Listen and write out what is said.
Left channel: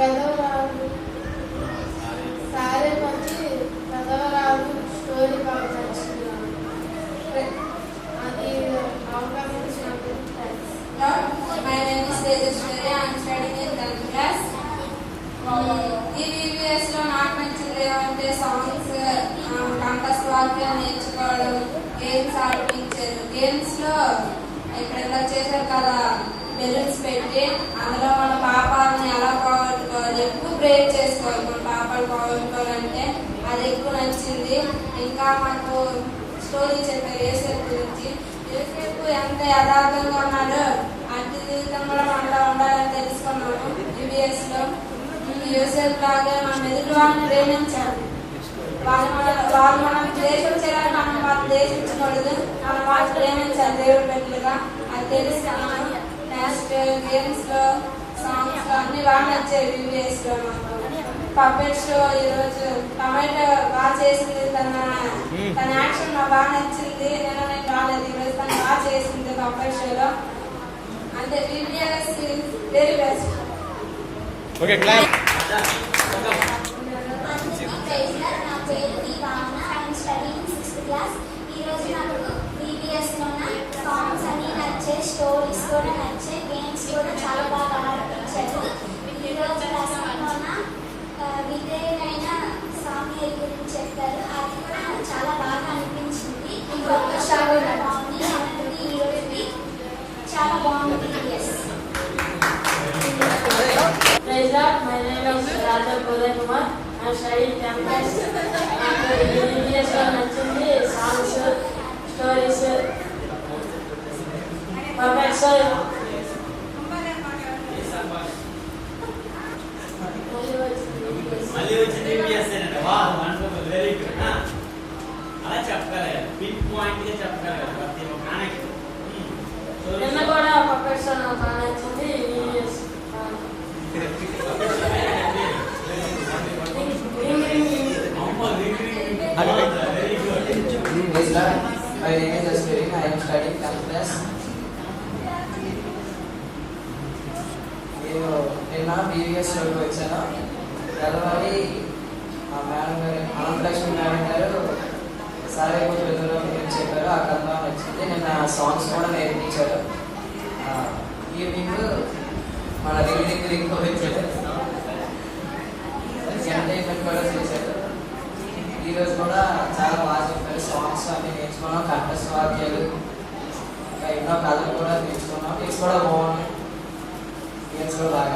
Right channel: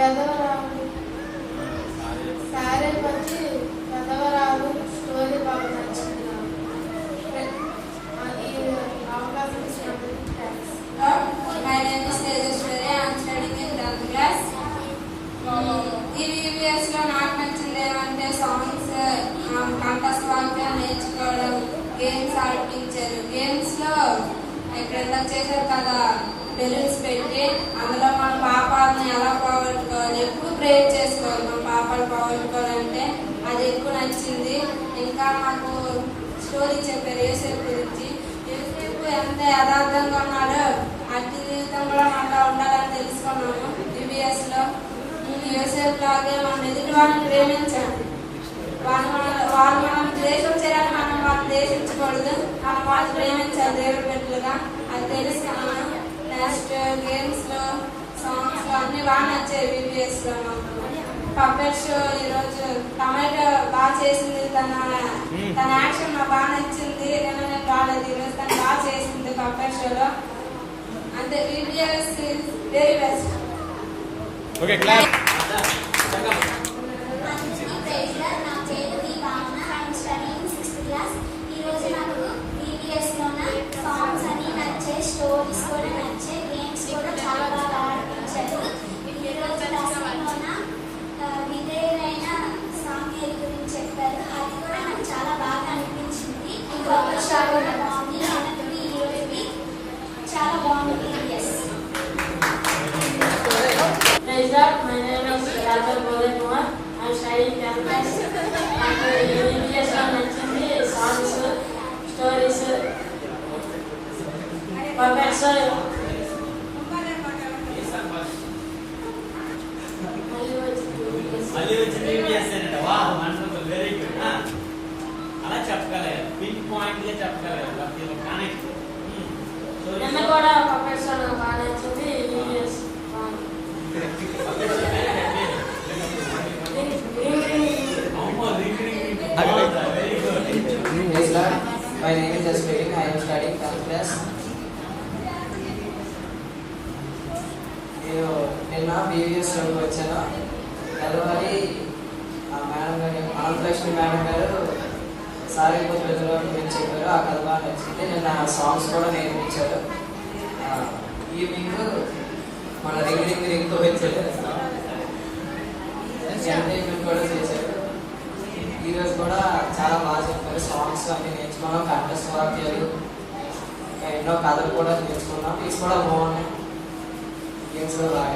పెదవరాలు sorry వచ్చి పెదవరాలు story బాగా నచ్చింది. అది అవకాశం ఇచ్చినందుకు thanks. My name is Tejaswari. I am studying in 10th class. ఈ VVS లో నాకు నచ్చింది ఏమంటే సాంగ్స్, కంఠస్వాక్యం నేర్చుకోవడం, గేమ్స్ ఆడిపించారు. గేమ్స్ లో ఇక్కడ చేసారు కదా బెలూన్స్ పెట్టి అందులో మన పాపాలని ఎలా పోగొట్టుకోవాలి, ఎక్కువ ప్రేర్ చేసుకోవాలి. మన పాపాలు పోగొట్టుకోవాలంటే అది ఎక్కువ నచ్చింది. ఇంకా మనకు స్టోరీ చెప్పారు యేసేపు గురించి. యేసేపు ఎంత యథార్థంగా ఉన్నాడో అట్టి జీవితం కూడా మనలో ఉండాలని తెలుసుకున్నాము VVS లో. యేసేపు లాగే మనం ఎదుటి వాళ్ళని ప్రేమించాలి. వాళ్ళు మనం ద్వేషించాలని మనం వాళ్ళు ద్వేషించకూడదు, మనం వాళ్ళు ప్రేమించాలి దేవుడి బిడ్డలుగా. అది తెలుసుకున్నాను. నెక్స్ట్ గేమ్స్ లో సాంగ్స్ లో అన్ని బాగా నచ్చాయి VVS లో. మాకు పప్పెట్ షో ఈరోజు టమాటో బాగా చేసింది. తన యాక్షన్ నాకు బాగా నచ్చింది. నేను రాలేదు ఈరోజు, తను బాగా చేసింది పప్పెట్ షోలో. అంతే VVS very best. Okay class. Stories కూడా నచ్చే, గేమ్స్ కూడా చాలా బాగా ఆడిపించారు. ఈరోజు లెసన్లోన విధేయులైన స్వామి గురించి చెప్పారు. అది కూడా నాకు చాలా బాగా అనిపించింది. ఇంకొక షో కూడా బాగుంది. అందుకని ఈరోజుకి చాలా బాగుంది. My name is Raja Bodhay Kumar. I am studying 10th class. VVS లో నచ్చింది సాంగ్స్, స్టోరీస్, పప్పెట్స్. మళ్ళీ వచ్చింది VVS వెరీ గుడ్. అలా చెప్పగలరు, పిన్ పాయింట్ గా చెప్పగలరు ప్రతి ఒక్క కనెక్ట్. నిన్న కూడా పప్పెట్స్ బాగా నచ్చింది VVS. My name is Aswin. I am studying 10th class. నిన్న VVS షోకి వచ్చాను. కలవాలి మేడం గారు, అనంతలక్ష్మి మేడం గారు సారీ గురించి చెప్పారు. ఆ కథ బాగా నచ్చింది. నిన్న సాంగ్స్ కూడా నేర్పించారు. ఈవినింగ్ మన రింగ్ వచ్చారు, ఎంటర్టైన్మెంట్ కూడా చేశారు. ఈరోజు కూడా చాలా బాగా చెప్పారు. సాంగ్స్ అన్ని నేర్చుకున్నాం, కంఠస్వాక్యాలు, ఇంకా ఎన్నో కథలు కూడా నేర్చుకున్నాం. ఇది కూడా బాగున్నాయి. గేమ్స్ కూడా బాగా